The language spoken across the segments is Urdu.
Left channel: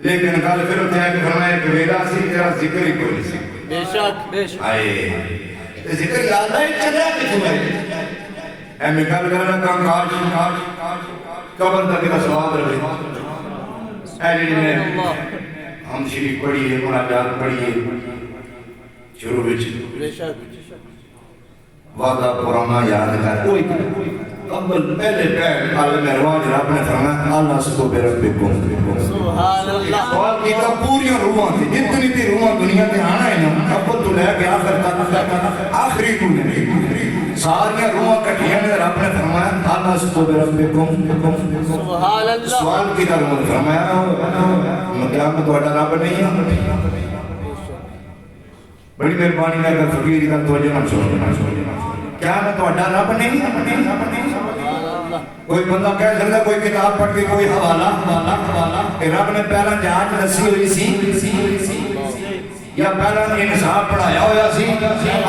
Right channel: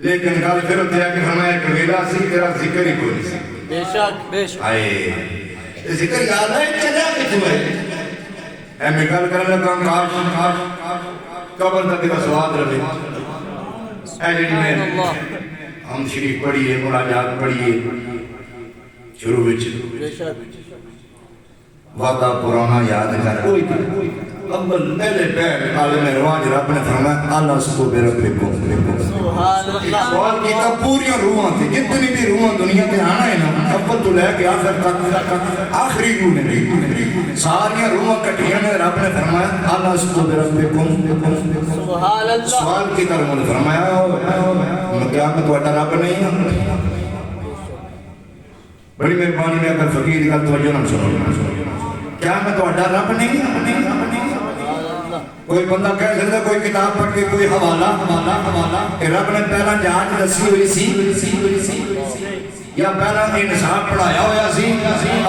لیکن گل پھر اتنے آ کے فرمایا کہ ویلا سی تیرا ذکر ہی کوئی نہیں سی. بے شک آئے ذکر یاد ہے چلا کتوں ہے اے میں گل کرنا کاش قبر تک کا سوال رہے اے جی میں ہم شریف پڑھیے مناجات پڑھیے شروع بے شک وعدہ پرانا یاد کر کوئی اول پہلے پہلے عالم ارواح رب نے فرمایا اللہ سبحانہ بے رب سبحان اللہ. سوال کیتا پوری روحاں تھی جتنی بھی روحاں دنیا کے آنا ہے نا اول تو لے کے آخر تک آخری روح نے ساری روحاں کٹھیاں نے رب نے فرمایا اللہ سبحانہ بے رب سبحان اللہ. سوال کیتا رب نے فرمایا کیا میں تہاڈا رب نہیں ہوں. بڑی مہربانی ہے اگر فقیر کی گل توجہ نہ سنو کیا میں تہاڈا رب نہیں ہوں. کوئی بندہ کہہ سکتا کوئی کتاب پڑھ کے کوئی حوالہ کہ رب نے پہلا جانچ رسی ہوئی سی یا پہلا انصاف پڑھایا ہوا سی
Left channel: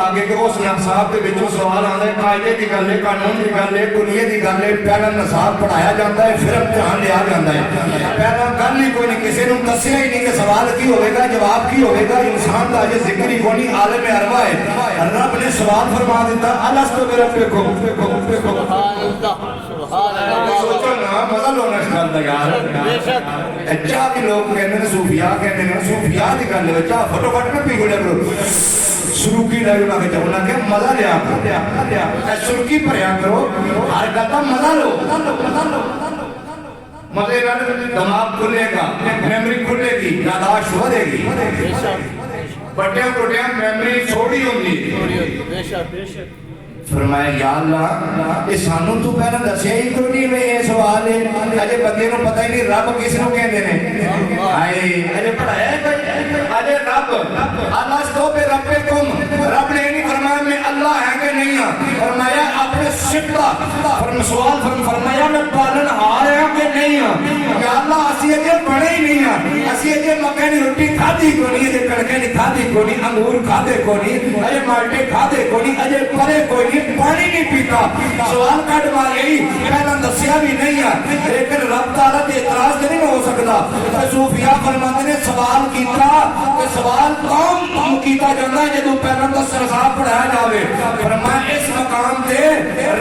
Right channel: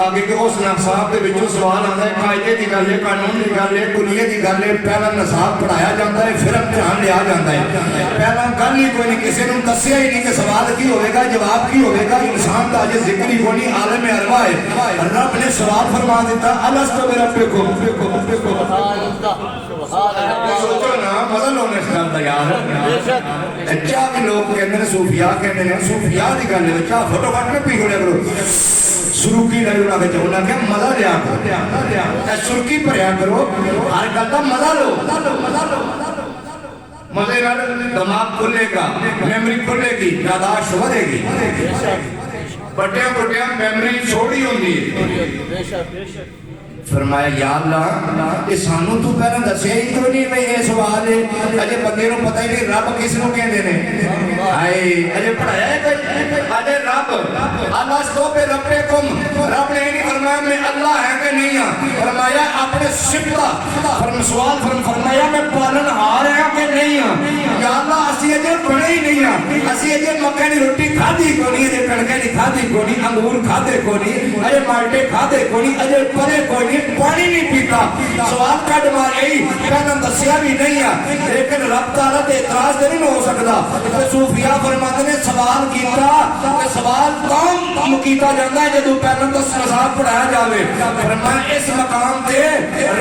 آگے کہ اس انصاف کے وچوں سوال آتا ہے قاعدے کی گل ہے قانون کی گل ہے کلیے کی گل ہے پہلا انصاف پڑھایا جاتا ہے پھر امتحان لیا جاتا ہے. پہلا گل ہی کوئی نہیں کسی نے دسیا ہی نہیں کہ سوال کی ہوئے گا جواب کی ہوئے گا انسان کا اجے ذکر ہی کوئی نہیں عالم ارواح ہے. رب نے سوال فرما دیتا الستو بربکم سبحان اللہ. سبحان اللہ. سوچو نا مزہ لو نشکال دا یار بے شک چاہ بھی لوگ کہتے ہیں صوفیاء کہتے ہیں صوفیاء دی گل ہے چاہ فوٹو کٹ میں پیو لگو سرکی لگو لگے چلنا کہ مزہ لیا کرو سرکی پڑھیا کرو ہر گل کا مزہ لو مزے کا دماغ کھلے گا میموری کھلے گی یاداشت بڑھے گی. بے شک بٹیاں بٹیاں میموری چھوڑی ہوگی. بے شک بے شک. فرمایا یا اللہ یہ سانو تو پہلے دسیا ہی کیوں نہیں میں یہ سوال ہے اجے بندے کو پتہ ہی نہیں رب کس نو کہندے نے ہائے اجے پڑھایا ہے اجے رب اللہ سو پہ ربکم رب نے نہیں فرمایا میں اللہ ہے کہ نہیں ہوں فرمایا اپنے صفت سوال فرمایا میں پالن ہار ہے کہ نہیں ہوں یا اللہ اسی اجے پڑھے ہی نہیں ہوں اسی اجے مکے دی روٹی کھادی کو نہیں اجے کڑکے دی کھادی کو نہیں انگور کھادے کو نہیں اجے مالٹے کھادے کو نہیں اجے پڑھے کوئی نہیں پانی نہیں پیتا سوال کٹ مارے ہی پہلا دسیا بھی نہیں ہے لیکن رب تعالیٰ کے اعتراض نہیں ہو سکتا. صوفیاء فرماتے نے سوال کیتا کہ سوال کام کیتا جاتا ہے جدو پہلا دس انصاف پڑھایا جاوے. فرمایا اس مقام تے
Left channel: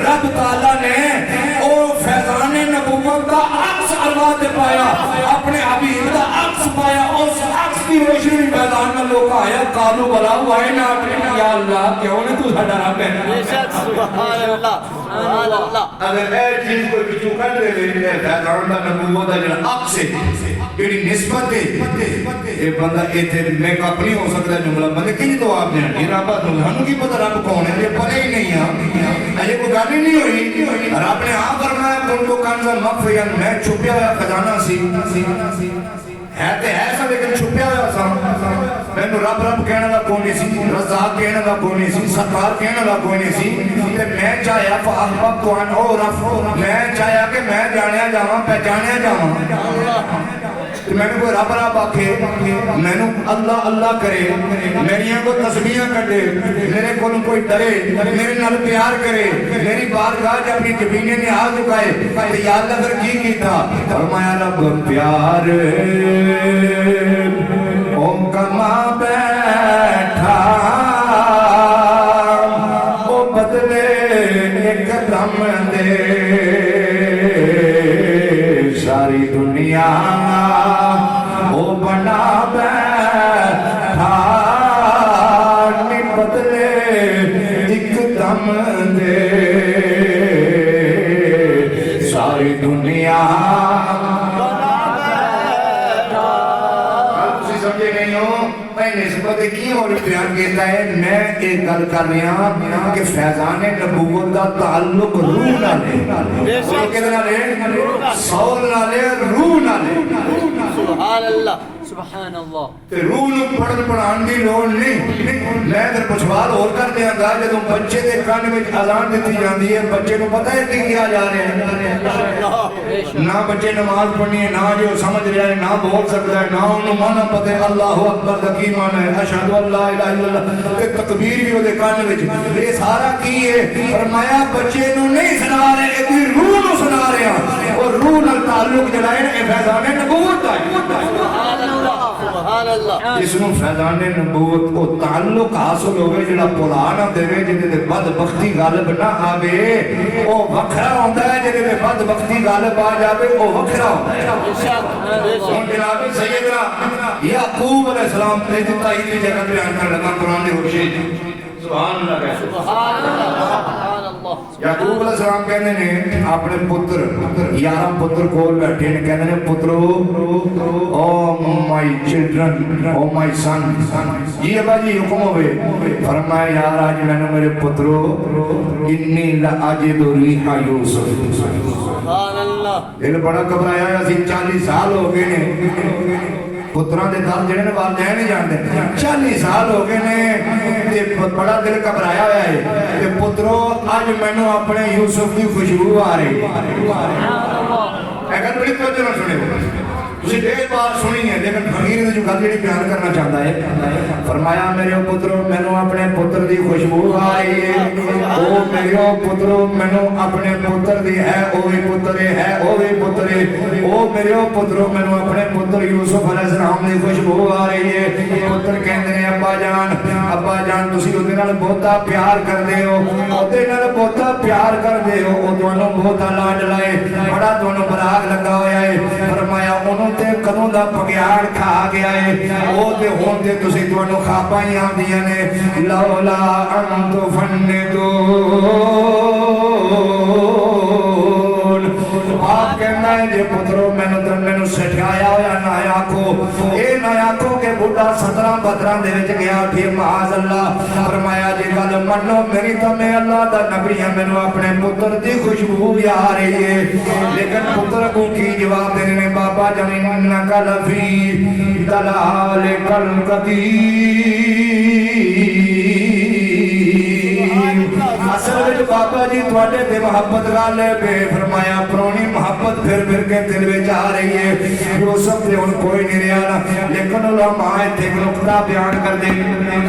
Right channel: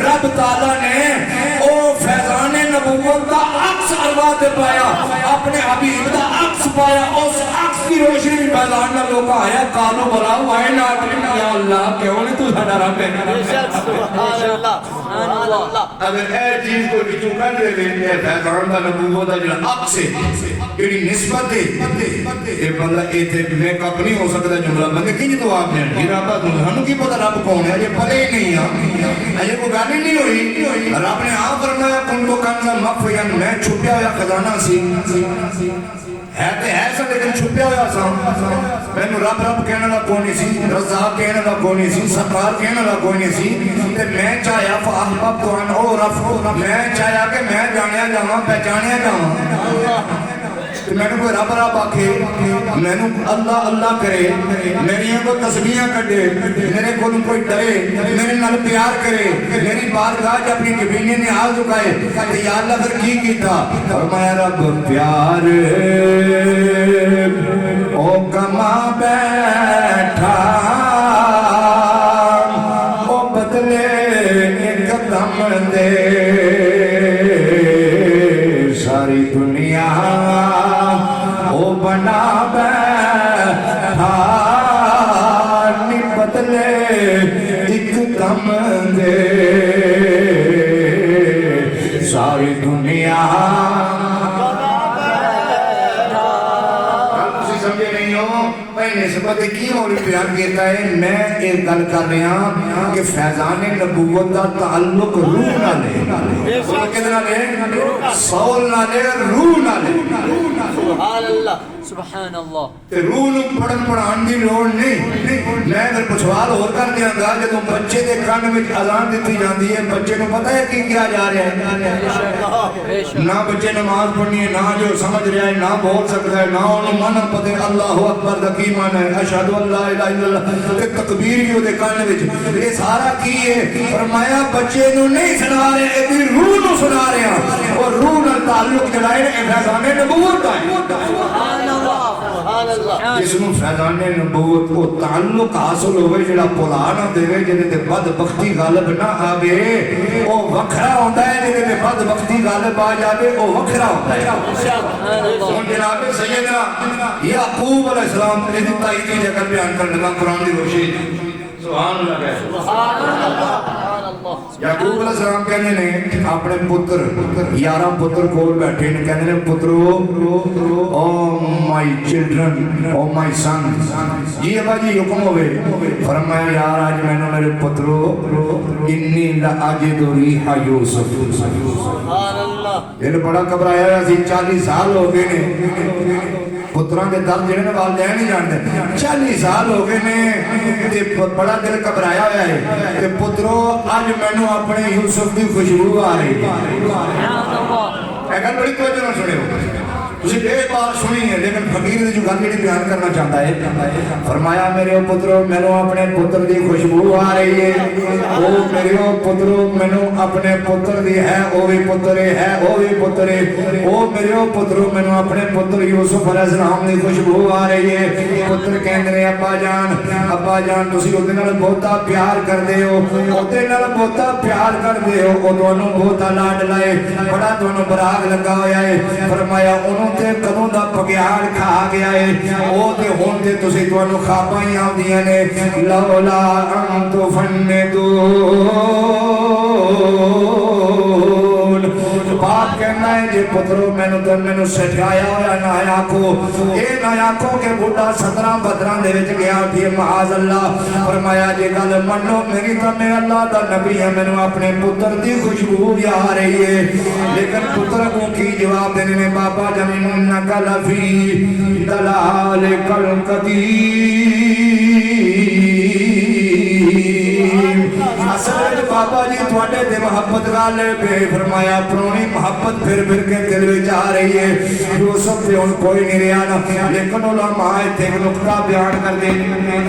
رب تعالیٰ نے او فیضان نبوت کا عکس ارواح تے پایا اپنے حبیب کا عکس پایا اس عکس کی روشنی فیضان میں لوگ آیا قالو بلا ہوا ہے نا یا اللہ کیوں نے تو ساڈا رب ہے. بے شک. سبحان اللہ. سبحان اللہ. اگر اے چیز کوئی بچوں کٹ دے ہے فیضان دا نبوت دا جڑا عکس ہے جڑی نسبت ہے اے بندہ ایتھے میک اپ نہیں ہو سکتا جملہ میں کہ تو آپ نے ارادہ تو ہم کی پتہ رب کون ہے یہ پتہ ہی نہیں ہے یہ کوئی گل نہیں ہوئی رب نے آپ فرمایا کن کو کان مخفیا میں چھپیا ہوا خزانہ سی ہے تے ہے سب لیکن چھپیا ہوا سا میں رب رب کہنے والا کوئی نہیں سی رزاق کہنے والا کوئی نہیں سی ستار کہنے والا کوئی نہیں سی تے میں چاہیا فاحبت تو ان عرف میں چاہیا کہ میں جانیا جاواں پہچانیا جاواں میں نے کوئی رب رب آکھے میں نے اللہ اللہ کرے میری کو تسبیحاں کٹے میرے کو کوئی ڈرے میرے نال پیار کرے میری بارگاہ جب اپنی کبینے نے ہاتھ جھکائے یا اللہ پھر کی کیتا فرمایا رب پیار او کما بیٹھا او بدلے ایک دم دے ساری دنیا او بنا بیٹھا نی بدلے ایک دم دے ساری دنیا نسبت کی اور پیار کہتا ہے میں ایک گل کر رہا ہوں کہ فیضان نبوت کا تعلق روح نہ لے سول نہ لے روح نہ لے. سبحان اللہ. سبحان اللہ. کہ روح نو پڑھن پڑھان دی لوڑ نہیں. میں تے پچھوال ہو کر دیاں گا جدوں بچے دے کان وچ اذان دتی جاندی ہے بچے نو پتہ ہے کہ کیا جا رہا ہے نہ بچے نماز پڑھنی ہے نہ جو سمجھ رہا ہے نہ بول سکتا ہے نہ انہوں مانا پتہ اللہ اکبر دا کی مانا ہے اشہد ان لا الہ الا اللہ تے تکبیر ہی دے کان وچ یہ سارا کی ہے فرمایا بچے نو نہیں سنا رہے اے روح نو سنا رہے ہیں اور روح نال تعلق جڑا ہے اے فیضان نبوت دا ہے. جس میں فیضان نبوت کو تعلق حاصل ہوئے جڑا بلا نہ دے جے تے بدبختی غالب نہ آوے او وکھرا ہوندا ہے جے تے بدبختی غالب آ جاوے او وکھرا ہوندا ہے جناب سیدنا یعقوب علیہ السلام نے دیتا ہی کی جگہ بیان کر لگا قرآن دی روشنی سبحان اللہ کہے سبحان اللہ یعقوب علیہ السلام کہنے نے اپنے پتر 11 پتر کو بیٹھے نے کہنے نے پترو او مائی چلڈرن او مائی سن جی ابا جی حکم ہوئے فرمایا یار آج میں نے میرے پترو انی لعجد ریح یوسف سبحان اللہ یہ بڑا گھبرایا اسی 40 سال ہو گئے نے پتران دے دم جڑے نے والدین نہیں جانتے 40 سال ہو گئے نے تے بڑا دل گھبرایا ہوا ہے تے پترو اج مینوں اپنے یوسف دی خوشبو آ رہی ہے سبحان اللہ اگر بڑی توجہ نال سنو تسی دیر بار سنی ہے لیکن فقیر نے جو گل جڑی بیان کرنا چاہتا ہے فرمایا میرے پترو مینوں اپنے پتر دی خوشبو آ رہی ہے او میرے پترو مینوں اپنے پتر دی ہے او بھی پتر ہے او بھی پتر ہے او میرے پترو مینوں اپنے پتر یوسف علیہ السلام دی خوشبو آ رہی ہے پتر کہندے نے ابا جان تسی اودے نال بہتا پیار کردے ہو اودے نال بہتا پیار کردے ہو او دونوں بہتا لاڈ لائے بڑا دونوں براغ لگا ہویا ہے فرمایا انہوں تے کدوں دا پگیاڑ کھا گیا ہے او تے ہن تے تسی تانوں خواباں ہی آندیاں نے لولا ان بات کہنا ہے جے پترو میں نے سٹھایا ہوا نایا کو اے نایا کو کہ بڑا 17 دے وچ گیا پھر معاذ اللہ فرمایا جے گل منو میری تے میں اللہ دا نبی ہے مینوں اپنے پتر دی خوشبو بھی آ رہی ہے لیکن پتر کو کی جواب دینے نے بابا جن انک لفی دلالک القدیم اصل بابا جی تواڈے تے محبت گل پہ فرمایا پرونی محبت پھر کے دل وچ آ رہی ہے یوسف تے ہن کوئی نہیں رہا لیکن علماء تے ایک نقطہ بیان کر دے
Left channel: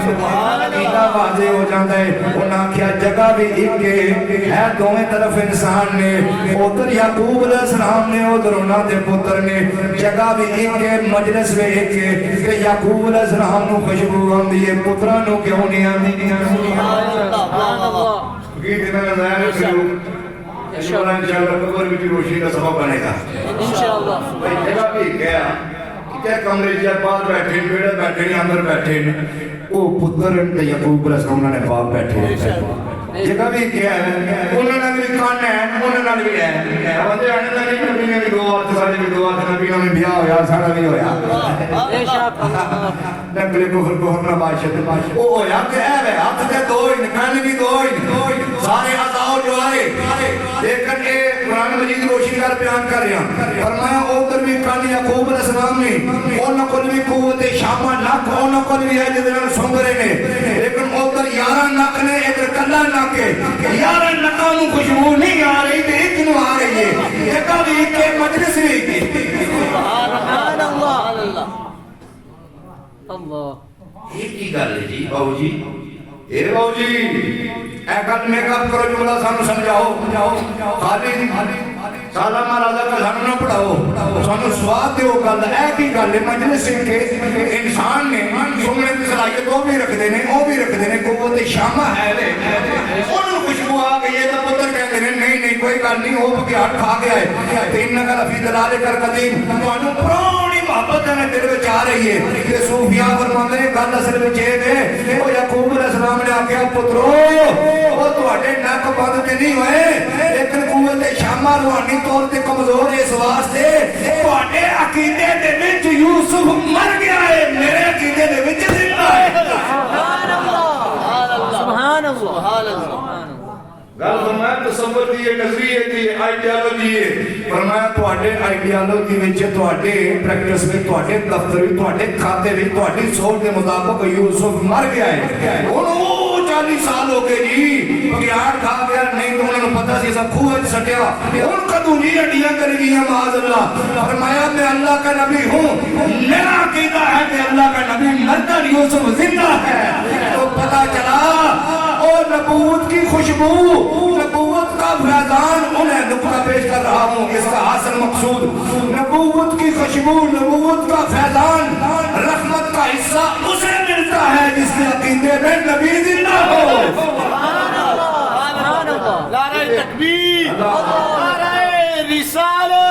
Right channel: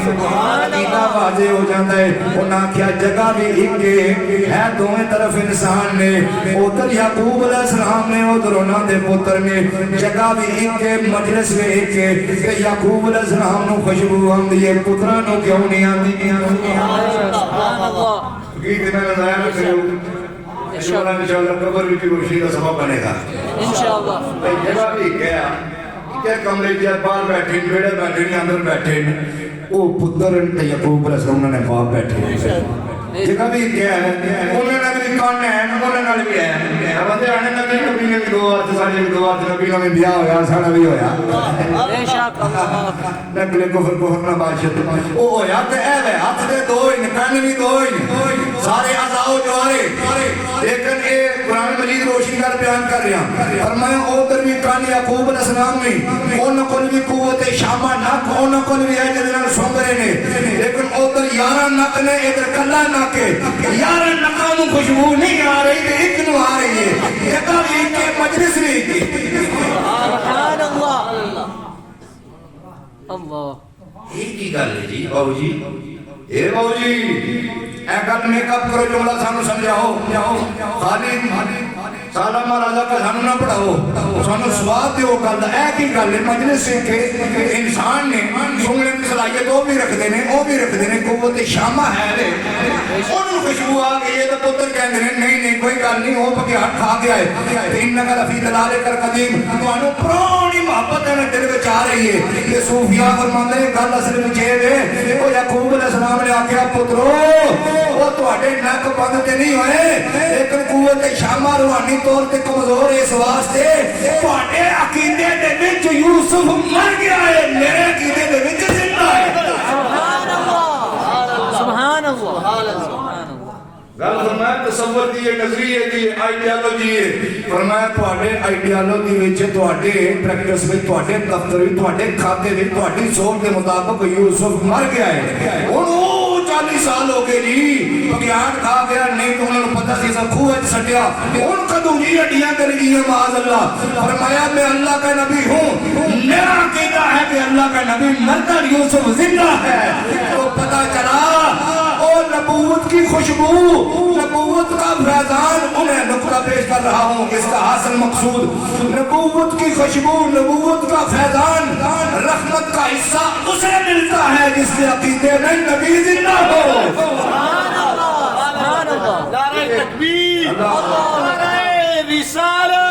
سبحان اللہ واضح ہو جاتا ہے انہاں کیا جگہ بھی ایک ہے دونوں طرف انسان نے ادھر یعقوب علیہ السلام نے ادھر انہاں دے پتر نے جگہ بھی ایک ہے مجلس بھی ایک ہے کہ یعقوب علیہ السلام نو خوشبو آندی ہے پتراں نو کیوں نہیں آندی سبحان اللہ یہ کہنا ہے کہ انشاءاللہ قبر کی روشنی کا سبب بنے گا انشاءاللہ بھئی جگہ بھی کیا کیا کمرے جات باہر بیٹھے بیڑے بیٹھے اندر بیٹھے وہ پتر یعقوب علیہ السلام نے باپ بیٹھے جگہ بھی کیا ہے انہوں نے بھی کان ہے انہوں نے بھی ہے بندے آنے لگے نبی نے بھی دعا سارے بھی دعا نبیوں میں بیاہ ہویا سارا بھی ہویا بے شک اللہ نقل کفر کو ہمنا بادشاہ وہ ہویا تے اے ہاتھ دے دو ہی کان بھی دو ہی سارے آزاؤ جوارے لیکن اے قرآن مجید روشنی کر بیان کر رہے ہیں فرمایا اودر بھی کان یعقوب علیہ السلام نے او نقل بھی قوت شامہ نک او نقل بھی ہے جدنان سوندرے نے لیکن اودر 11 نک نے ادھر کلا نکے 11 نکاں نو خوشبو نہیں آ رہی تے ایک نو آ رہی ہے یہ بھی کے مجلس نہیں کی سبحان اللہ اللہ ایک کی گل ہے جی باؤ جی اے باؤ جی اے گل نے کب کرو جملہ سانو سمجھاؤ خالی سارا مہاراجا کا سانو نہ پڑھاؤ سانو سواد دیو گل اے کی گل ہے مجلس کے انسان نے سننے کی صلاحیت وہ بھی رکھ دینے وہ بھی رکھ دینے قوت شامہ ہے دے انہوں خوشبو آ گئی ہے تو پتر کہہ دینے نہیں کوئی گل نہیں وہ پکے ہاتھ کھا گیا ہے انہا کا لفی دلالے کر قدیم انہوں پرونی محبت ہے دل میں چاہ رہی ہے یہ صوفیاء فرماتے ہیں گل اصل میں چاہے دے وہ یعقوب علیہ السلام نے آکھیا پترو وہ تواڈے نک بند تے نہیں ہوئے لیکن قوت شامہ روحانی طور تے کمزور ہے اس واسطے تواڈے عقیدے دے وچ یوسف مر گیا ہے میرے عقیدے دے وچ زندہ ہے سبحان اللہ سبحان اللہ گل فرمایا تصور دی یہ نظریے دی آئیڈیالوجی ہے فرمایا تواڈے آئیڈیالوجی وچ تواڈے پریکٹس وچ تواڈے دفتر وچ تواڈے کھاتے وچ تواڈی سوچ دے مطابق یوسف مر گیا ہے انہوں 40 سال ہو گئے جی پیار کھا گیا نہیں تو انہوں نے پتہ سی سب خوہ سٹیا ان قدوں جی ہڈیاں کر گیا معاذ اللہ فرمایا میں اللہ کا نبی ہوں میرا عقیدہ ہے کہ اللہ کا نبی مرتا یوسف زندہ ہے تو پتہ چلا نبوت کی خوشبو نبوت کا فیضان انہیں نقطہ پیش کر رہا ہوں اس کا حاصل مقصود نبوت کی خوشبو نبوت کا فیضان رحمت کا حصہ اسے ملتا ہے جس کے عقیدے میں نبی زندہ ہو. سبحان اللہ. نعرہ تکبیر، اللہ. نعرہ رسالت.